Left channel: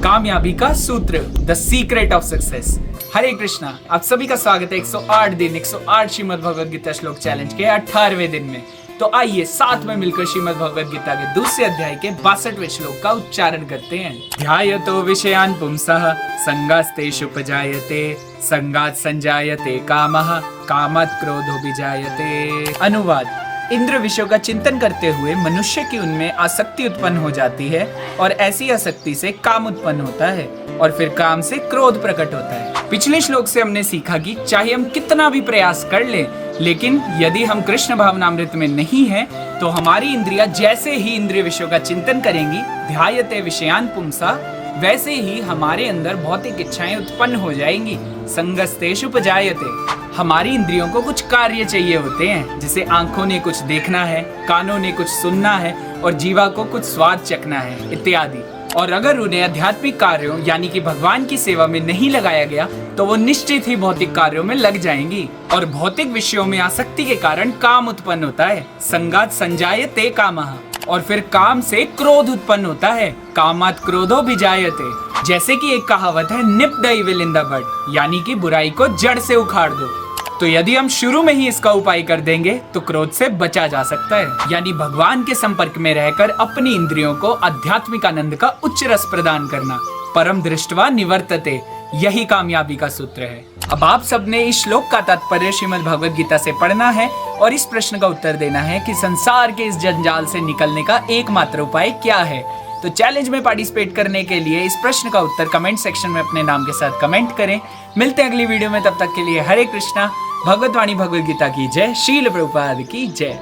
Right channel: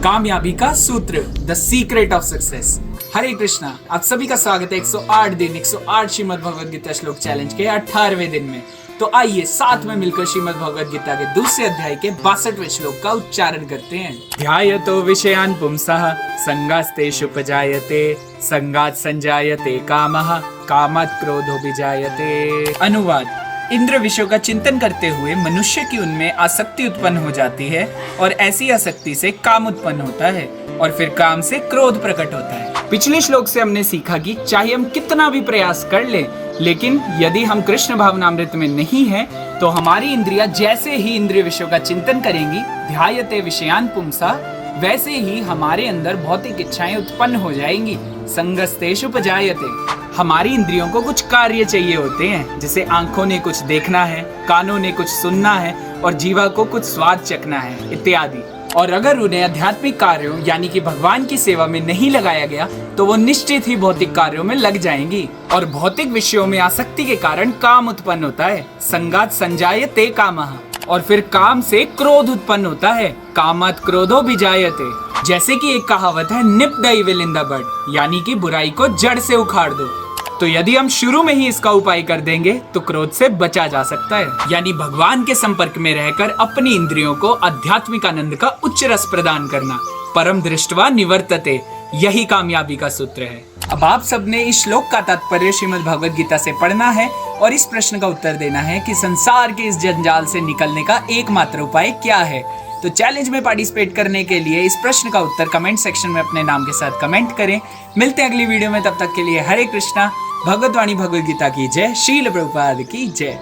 कामयाबी का सूत्र, द सीक्रेट ऑफ सक्सेस। हरे कृष्णा, आप सभी का स्वागत है 108 दिन 108 श्रीमद् भगवद गीता श्लोक चैलेंज के 18वें दिन में। तो आइए साथ में मिलकर श्रीमद् भगवद गीता के दूसरे अध्याय के 62वें श्लोक का उच्चारण करते हैं। ध्यायतो विषयान् पुंसः संगास्तेषुपजायते संगात् संजायते कामः कामात् क्रोधोऽभिजायते। अनुवाद: इंद्र विषयों का चिंतन करते हुए मनुष्य की उनमें आसक्ति उत्पन्न हो जाती है और ऐसी आसक्ति से काम उत्पन्न होता है और फिर काम से क्रोध प्रकट होता है। पिछले श्लोक से हमने सीखा कि चाहे हम कितना भी प्रयास कर लें, लेकिन यदि हम कृष्ण भावनामृत में नहीं हैं, तो हमारी इंद्रियां जैसे ही इंद्रिय विषयों का चिंतन करेंगी, ध्यायते विषयान् पुंसः, वैसे ही हमारे अंदर भौतिक इच्छाएं उत्पन्न हो जाएंगी। संगस्तेषुपजायते, हमारी इंद्रियों को कुछ कार्य चाहिए होते हैं, जैसे आंखों ने कुछ देखना है, कानों ने कुछ सुनना है और जीवा को कुछ स्वाद चखना है इत्यादि। और अगर उन्हें आध्यात्मिक कार्यों यानी कि भगवान की सेवा में नहीं लगाया गया, तो वो निश्चित ही भौतिक कार्यों में लग जाएंगी और भौतिक विषयों में आसक्ति के कारण काम उत्पन्न होता है। संगात् संजायते कामः, और फिर काम से क्रोध उत्पन्न होता है। कामात् क्रोधोऽभिजायते, जैसे कि एक कहावत है, nip the evil in the bud, यानी कि बुराई को जड़ से उखाड़ दो। तो यदि हम शुरू में ही इसका उपाय कर देंगे तो क्रोध से बचा जा सकता है, यानी भगवान के संपर्क में रहकर अपनी इंद्रियों को आध्यात्मिक आनंद का उच्च रस प्रदान करना। परम दृष्ट्वा निवर्तते, यही कामयाबी का सूत्र है। अब आप सबने इस श्लोक का तात्पर्य श्रीमद् भगवद गीता से पढ़ना है और इस प्रश्न का उत्तर देना है कि संसार के इस जंजाल से निकलने का एकमात्र उपाय क्या है। तो चैलेंज में पार्टिसिपेट करने के लिए इस प्रश्न का उत्तर कमेंट सेक्शन में अपने नाम के साथ कमेंट करें। मिलते हैं अगली वीडियो में, तब तक के लिए हरे कृष्णा। भगवत वाणी भगवद गीता की जय। श्रील प्रभुपाद की जय।